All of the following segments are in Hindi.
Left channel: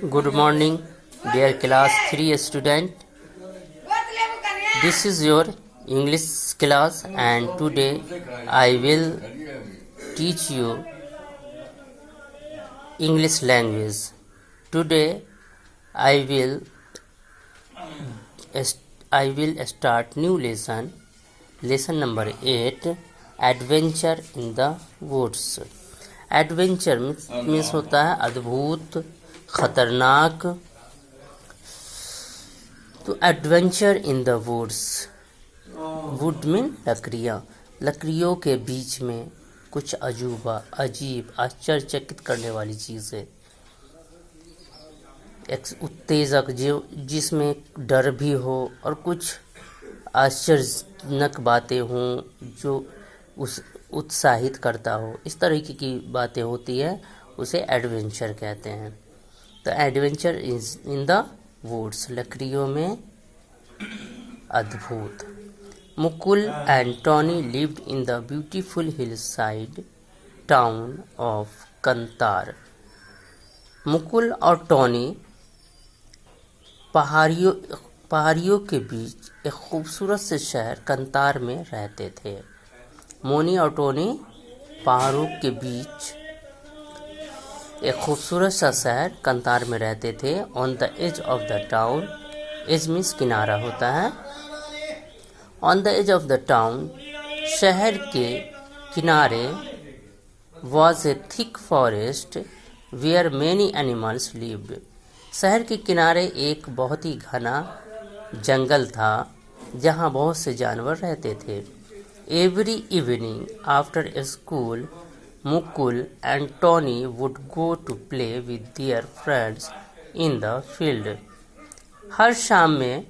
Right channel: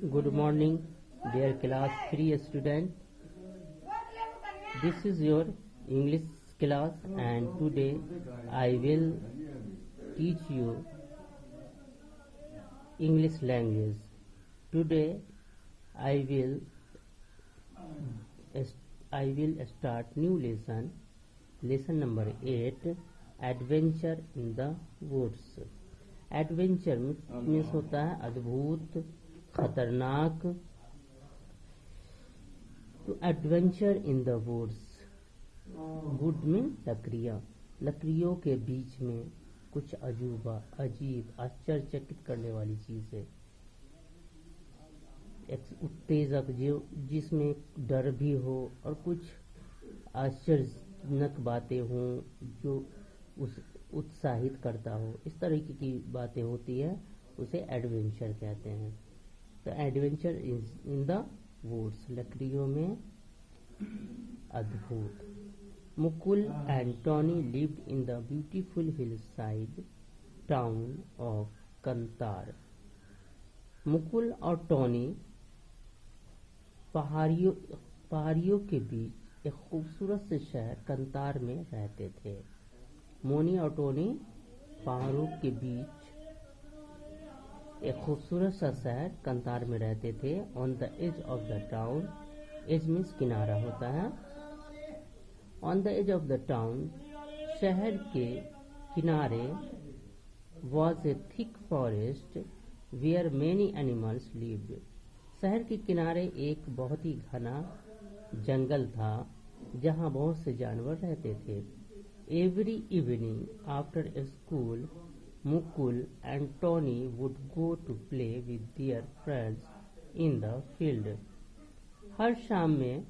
Good morning, dear class 3 student. This is your English class, and today I will teach you English language. Today I will start new lesson. Lesson number 8, Adventure in the Woods. Adventure means होता है अद्भुत, खतरनाक। तो adventure in the woods, wood mean लकड़ियाँ, लकड़ियों के बीच में कुछ अजूबा, अजीब, आश्चर्यचकित करने वाली चीज़ें, एक उत्तेजक जो जिसमें डर भी हो और कुछ आश्चर्यजनक बातें हों जो उस उत्साहित करता हो, इस तरीके की बातें होती है, उसे एडवेंचर कहते हैं। तो adventure is in the woods, लकड़ियों में अद्भुत। Mukul and Tony lived in the beautiful hill side town of Kantar. Mukul और टॉनी पहाड़ियों के बीच एक खूबसूरत से शहर कंतार में रहते थे। मोनी और टोनी पहाड़ों के बीच एक खूबसूरत सा शहर कंतार में रहते थे। On the edge of the town, edge means किनारा होता है। On the edge of the town, शहर के किनारे, was a thick forest where many animals lived. शहर के किनारे एक बहुत ही घना जंगल था जहाँ बहुत से जानवर रहते थे। Every evening after school, Mukul and Tony would go to play with their friends in the field. हर शाम में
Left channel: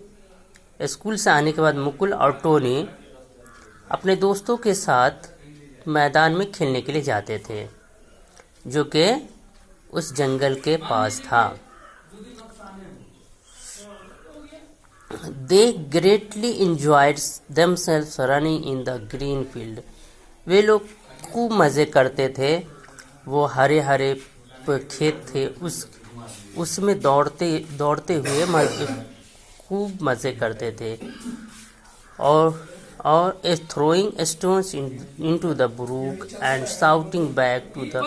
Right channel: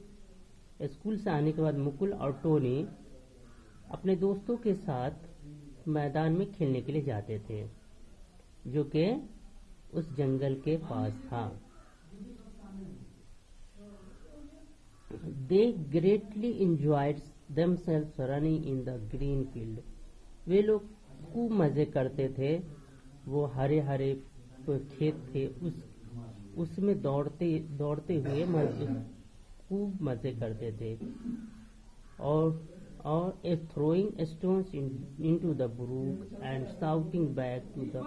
स्कूल से आने के बाद मुकुल और टोनी अपने दोस्तों के साथ मैदान में खेलने के लिए जाते थे, जो कि उस जंगल के पास था। They greatly enjoyed themselves running in the green field. वे लोग खूब मज़े करते थे। वो हरे हरे खेत थे, उसमें दौड़ते हुए खूब मज़े करते थे। और throwing stones into the brook and shouting back to the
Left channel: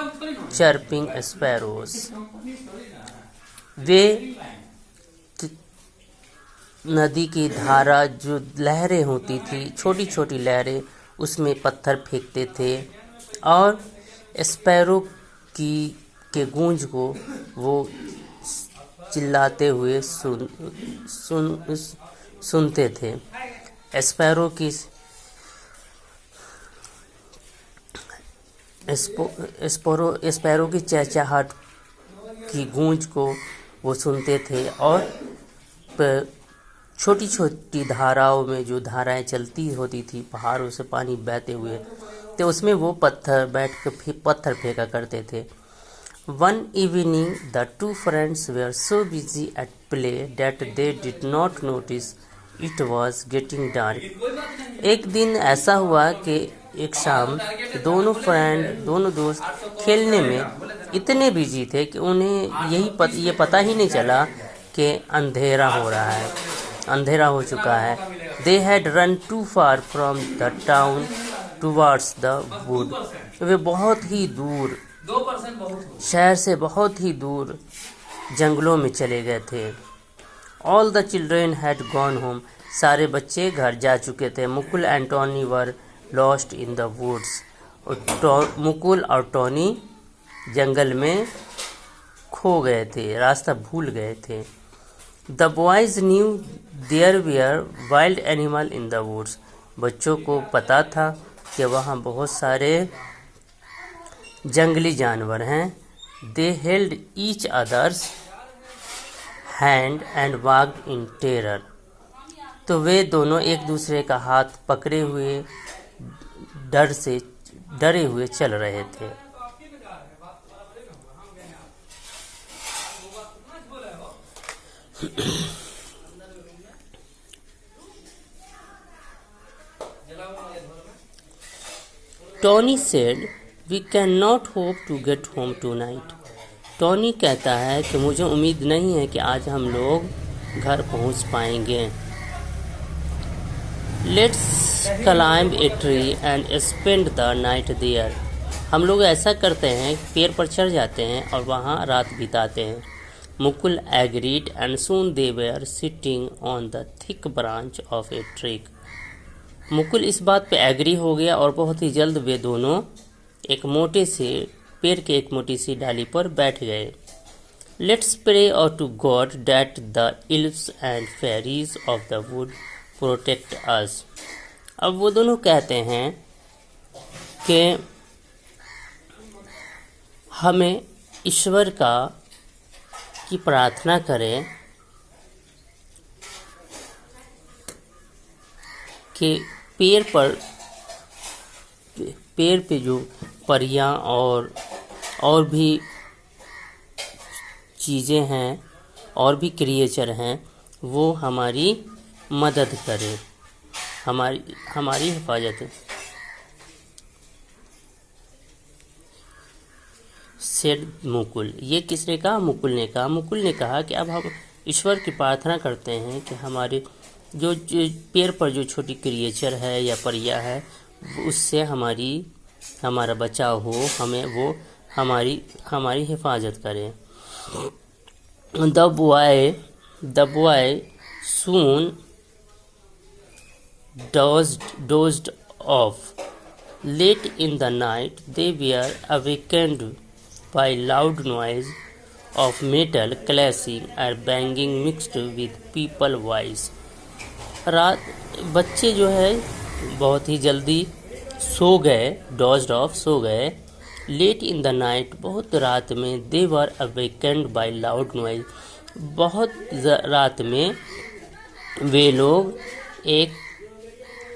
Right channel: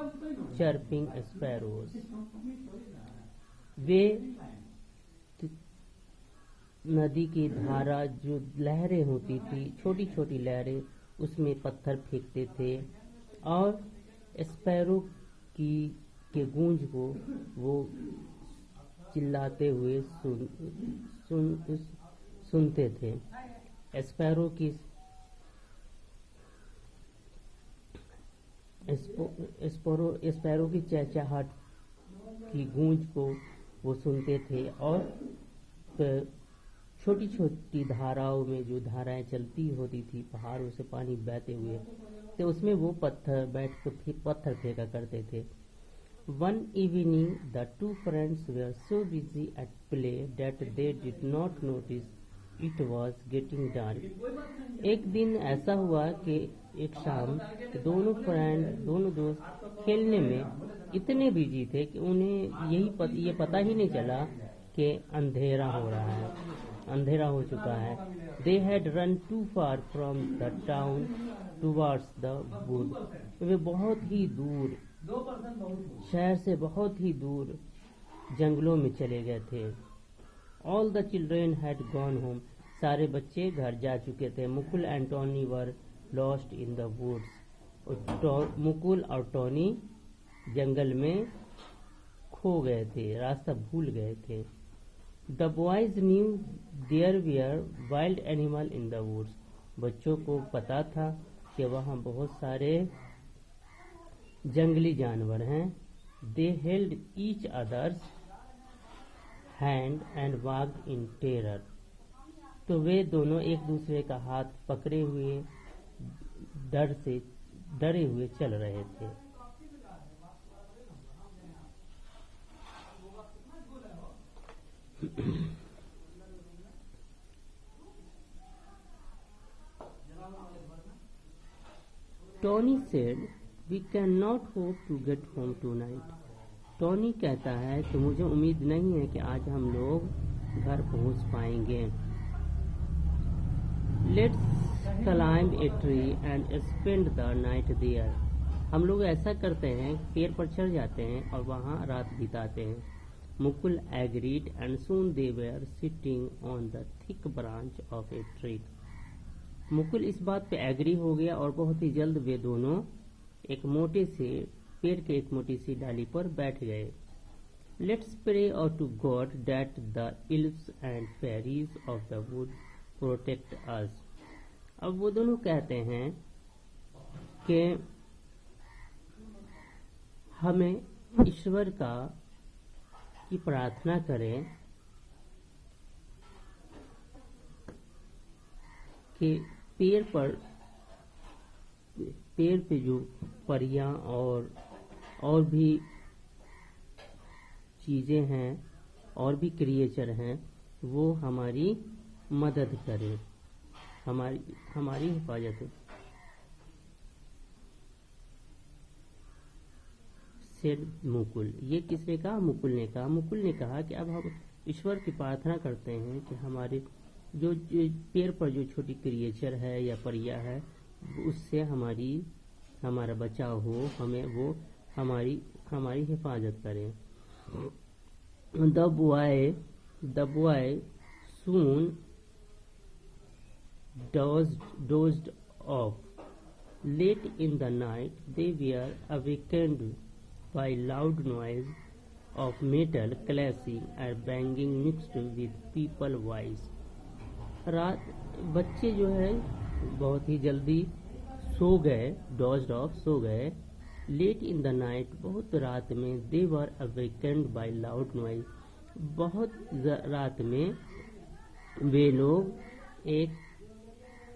chirping sparrows. वे नदी की धारा, जो लहरें होती थी, छोटी छोटी लहरें, उसमें पत्थर फेंकते थे और स्पैरो के गूंज को वो चिल्लाते हुए सुनते थे। स्पैरो की चहचहाट की गूंज को वो सुनते थे। और छोटी छोटी धाराओं में जो धाराएं चलती होती थी, पहाड़ों से पानी बहते हुए, तो उसमें वो पत्थर फेंका करते थे। One evening the two friends were so busy at play that they did not notice it was getting dark. एक दिन ऐसा हुआ कि एक शाम दोनों दोस्त खेलने में इतने बिजी थे कि उन्हें ये पता ही नहीं चला कि अंधेरा हो रहा है, अंधेरा हो चुका है। They had run too far from the town towards the wood. वे बहुत ही दूर, शहर से बहुत ही दूर जंगलों में चले गए थे। All the children had gone home. सारे बच्चे घर जा चुके थे। Mukul and Tony were lost in the woods. Mukul और टॉनी जंगल में खो गए थे, रास्ता भूल गए थे। The boys knew there were wild animals in the woods. बच्चों को पता था कि वहाँ बहुत सारे जंगली जानवर हैं। They held each other's hand and walked in terror. तो वे दोनों एक दूसरे का हाथ पकड़े हुए डरे हुए चल रहे थे। Tony said, "We cannot hope to get home tonight." Tony कहता है कि मुझे उम्मीद नहीं है कि आज हम लोग घर पहुंच पाएंगे। Let's climb a tree and spend the night there. हम लोग ऐसा करते हैं, पेड़ पर चढ़ जाते हैं और वहाँ रात बिताते हैं। Mukul agreed and soon they were sitting on the thick branch of a tree. Mukul इस बात पे एग्री हो गया और बहुत ही जल्द वे दोनों एक मोटे से पेड़ के एक मोटी सी डाली पर बैठ गए। लेट्स प्रे और to God that the elves and fairies of the wood protect us. अब वो दोनों कहते हैं कि हमें ईश्वर की प्रार्थना करें कि पेड़ पे जो परियां और भी चीज़ें हैं और भी क्रिएचर हैं वो हमारी मदद करें, हमारी हिफाजत सेड मुकुल। ये किसने कहा? मुकुल ने कहा। मुकुल ने कहा कि अब हम ईश्वर की प्रार्थना करते हैं कि हमारे जो पेड़ पर जो छोटी क्रिएचर है या परिया है उससे हमारा बचाव हो, हमें वो हमारी हिफाजत करें। The boy soon dozed off. Late in the night, they were awakened by loud noise of metal clashing and banging mixed with people voice. बच्चे जो है बहुत ही जल्दी सो गए, डॉज्ड ऑफ सो गए। लेट इन द नाइट, बहुत रात में। दे वर अवेकेंड बाय लाउड नॉइज, बहुत रात में वे लोग एक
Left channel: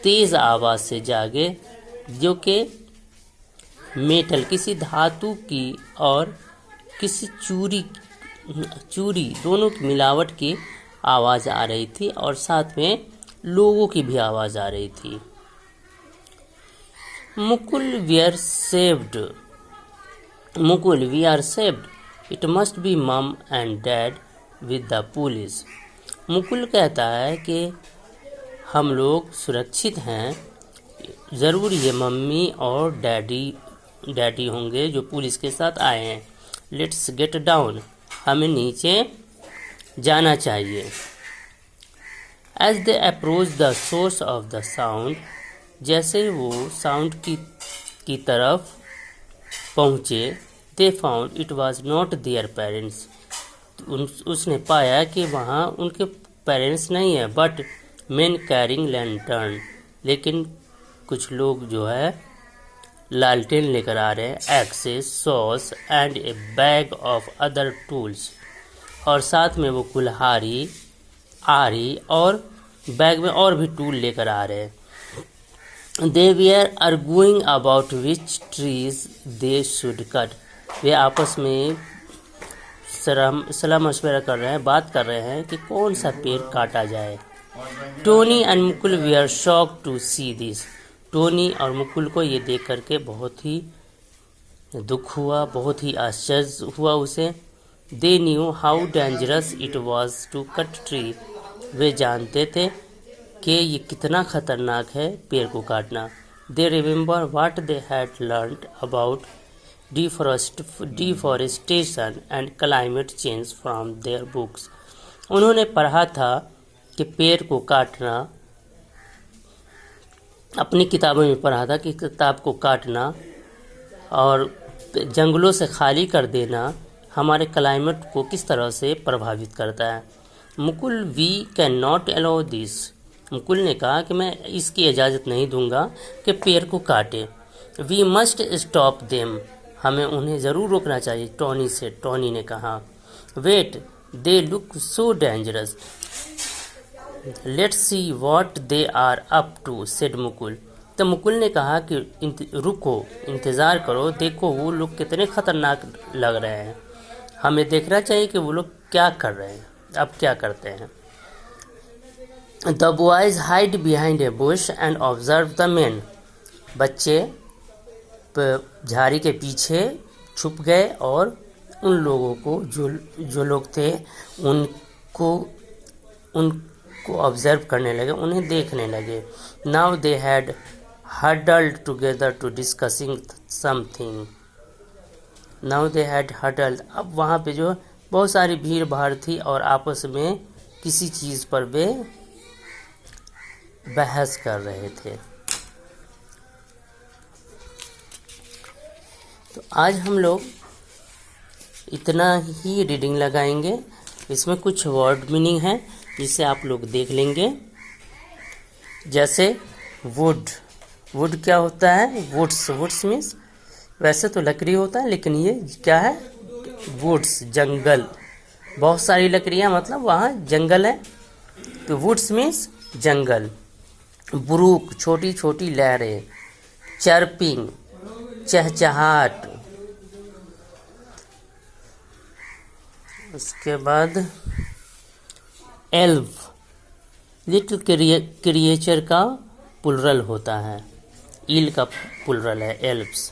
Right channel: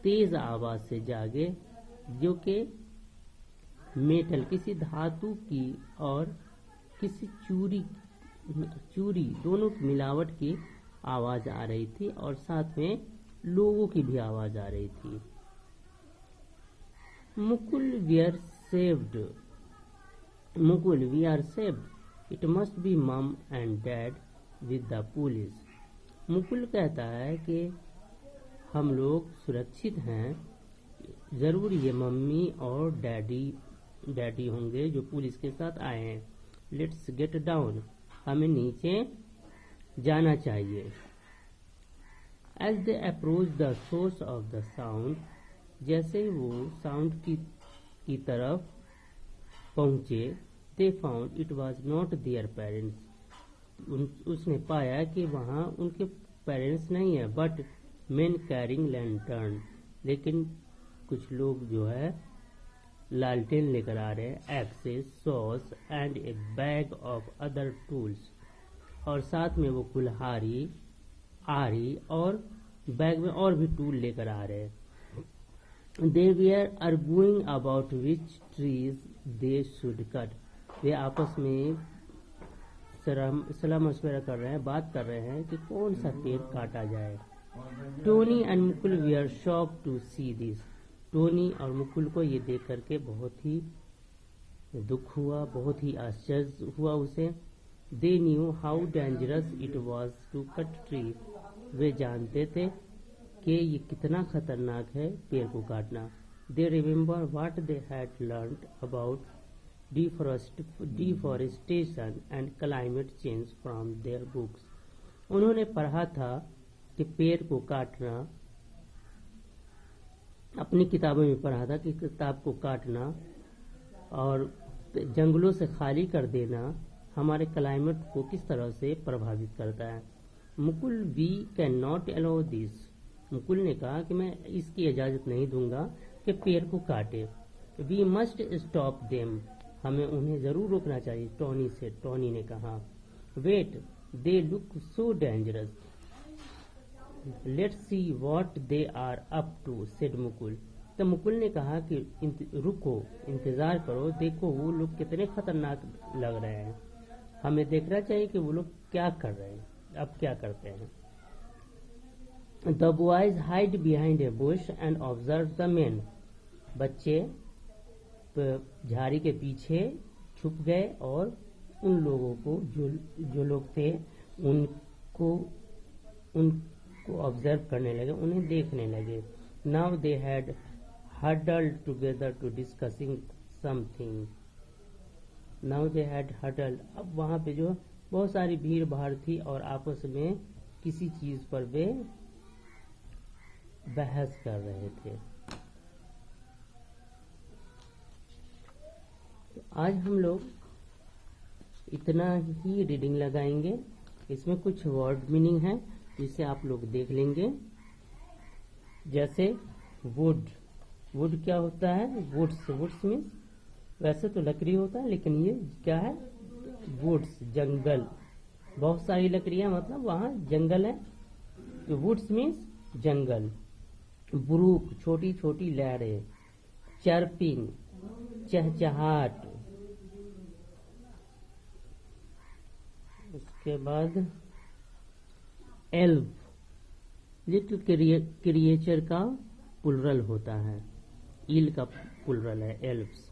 तेज़ आवाज़ से जागे जो कि मेटल किसी धातु की और किसी चूरी दोनों की मिलावट की आवाज़ आ रही थी और साथ में लोगों की भी आवाज़ आ रही थी। Mukul we are saved, it must be mum and dad with the police. Mukul कहता है कि हम लोग सुरक्षित हैं, ज़रूर ये मम्मी और डैडी होंगे जो पुलिस के साथ आए हैं। लेट्स गेट डाउन, हमें नीचे जाना चाहिए। As they approach the source of the sound, जैसे वो साउंड की तरफ पहुँचे, they found it was not their parents. उसने पाया कि वहाँ उनके पेरेंट्स नहीं है, बट मेन कैरिंग लैंटर्न, लेकिन कुछ लोग जो है लालटेन लेकर आ रहे हैं। Axes, saws and a bag of other tools, और साथ में वो कुल्हाड़ी, आरी और बैग में और भी टूल लेकर आ रहे हैं। They were arguing about which trees they should cut, वे आपस में सलाह मशवरा कर रहे हैं, बात कर रहे हैं कि कौन सा पेड़ काटा जाए। Tony and Mukul we are shocked to see this, Tony और मुकुल को ये देख करके बहुत ही दुख हुआ, बहुत ही आश्चर्य हुआ उसे। They knew how dangerous it was to cut tree, वे जानते थे कि ये कितना खतरनाक है पेड़ को काटना। They remember what they had learned about deforestation and climate change from their books, उन्होंने पढ़ा था कि पेड़ को काटना, अपनी किताबों में पढ़ा था कि किताब को काटना और जंगलों से खाली कर देना हमारे क्लाइमेट को किस तरह से प्रभावित करता है। Mukul we can not allow this, Mukul ने कहा कि मैं इसकी इजाज़त नहीं दूंगा कि पेड़ को काटे। वी मस्ट स्टॉप देम, हमें उन्हें ज़रूर रोकना चाहिए, टॉनी ने कहा। Wait, they look so dangerous, let's see what they are up to, said Mukul. तो मुकुल ने कहा कि रुको, इंतज़ार करो, देखो वो लोग कितने खतरनाक लग रहे हैं, हमें देखना चाहिए कि वो लोग क्या कर रहे हैं, अब क्या करते हैं। The boys hide behind a Bush and observe the man, बच्चे झाड़ी के पीछे छुप गए और उन लोगों को जो लोग थे उनको ऑब्जर्व करने लगे, उन्हें देखने लगे। Now they had huddled together to discussing something. Now they had huddled, अब वहाँ पे जो बहुत सारी भीड़ भाड़ थी और आपस में किसी चीज़ पर वे बहस कर रहे थे। तो आज हम लोग इतना ही रीडिंग लगाएंगे। इसमें कुछ वर्ड मीनिंग है जिसे आप लोग देख लेंगे। जैसे वुड, वुड क्या होता है? वुड्स, वुड्स मीन्स वैसे तो लकड़ी होता है, लेकिन ये क्या है? वुड्स, जंगल। बहुत सारी लकड़ियाँ, मतलब वहाँ जंगल है, तो वुड्स मीन्स जंगल। ब्रूक, छोटी छोटी लहरें। चर्पिंग, चहचहाट। उसके बाद एल्फ, लिटिल क्रिएचर का प्लुरल होता है, ईल का प्लुरल है एल्फ्स।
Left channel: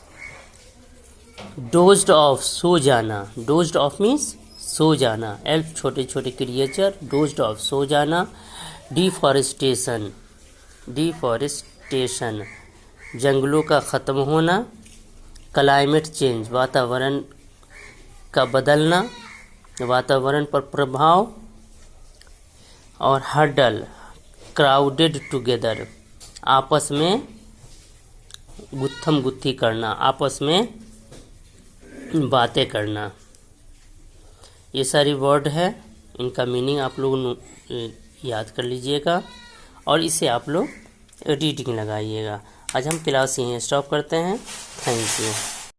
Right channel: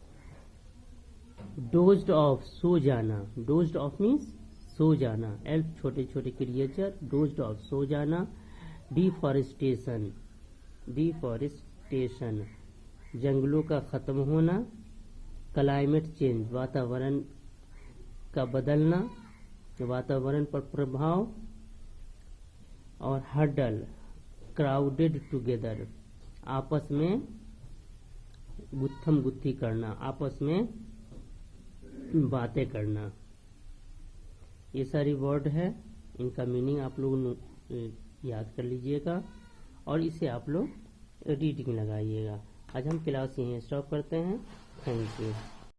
डोज्ड ऑफ, सो जाना। डोज्ड ऑफ मीन्स सो जाना। एल्फ छोटे छोटे क्रिएचर, डोज्ड ऑफ सो जाना। डिफॉरेस्टेशन, डिफॉरेस्टेशन जंगलों का ख़त्म होना। क्लाइमेट चेंज, वातावरण का बदलना, वातावरण पर प्रभाव। और हडल, क्राउडेड टुगेदर, आपस में गुत्थम गुत्थी करना, आपस में बातें करना। ये सारी वर्ड है, इनका मीनिंग आप लोग याद कर लीजिएगा और इसे आप लोग रीडिंग लगाइएगा। आज हम क्लास यहीं स्टॉप करते हैं। Thank you.